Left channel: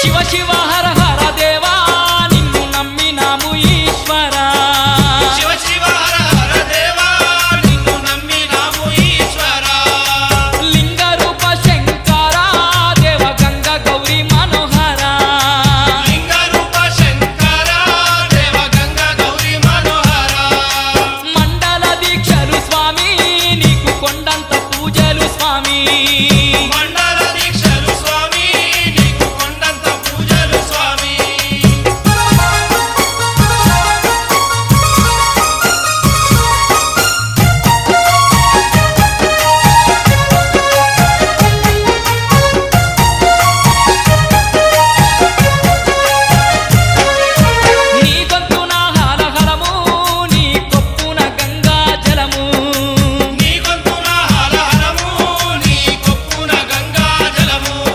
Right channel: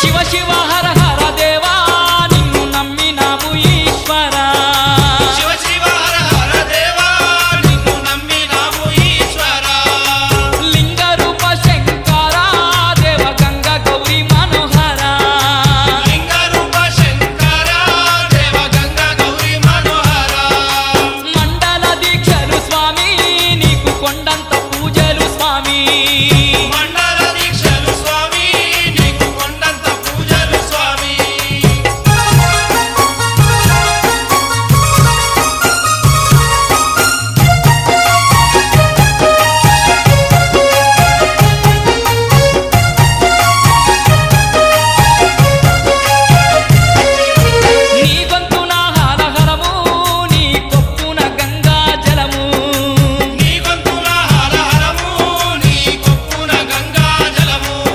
శివ శివ హర హర దేవా నిన్ను నమ్మినాము ఈశ్వరా శివ శివ హర హర దేవా నిన్ను నమ్మినాము ఈశ్వరా లింగ రూప శంకరా దేవ గంగ గౌరీ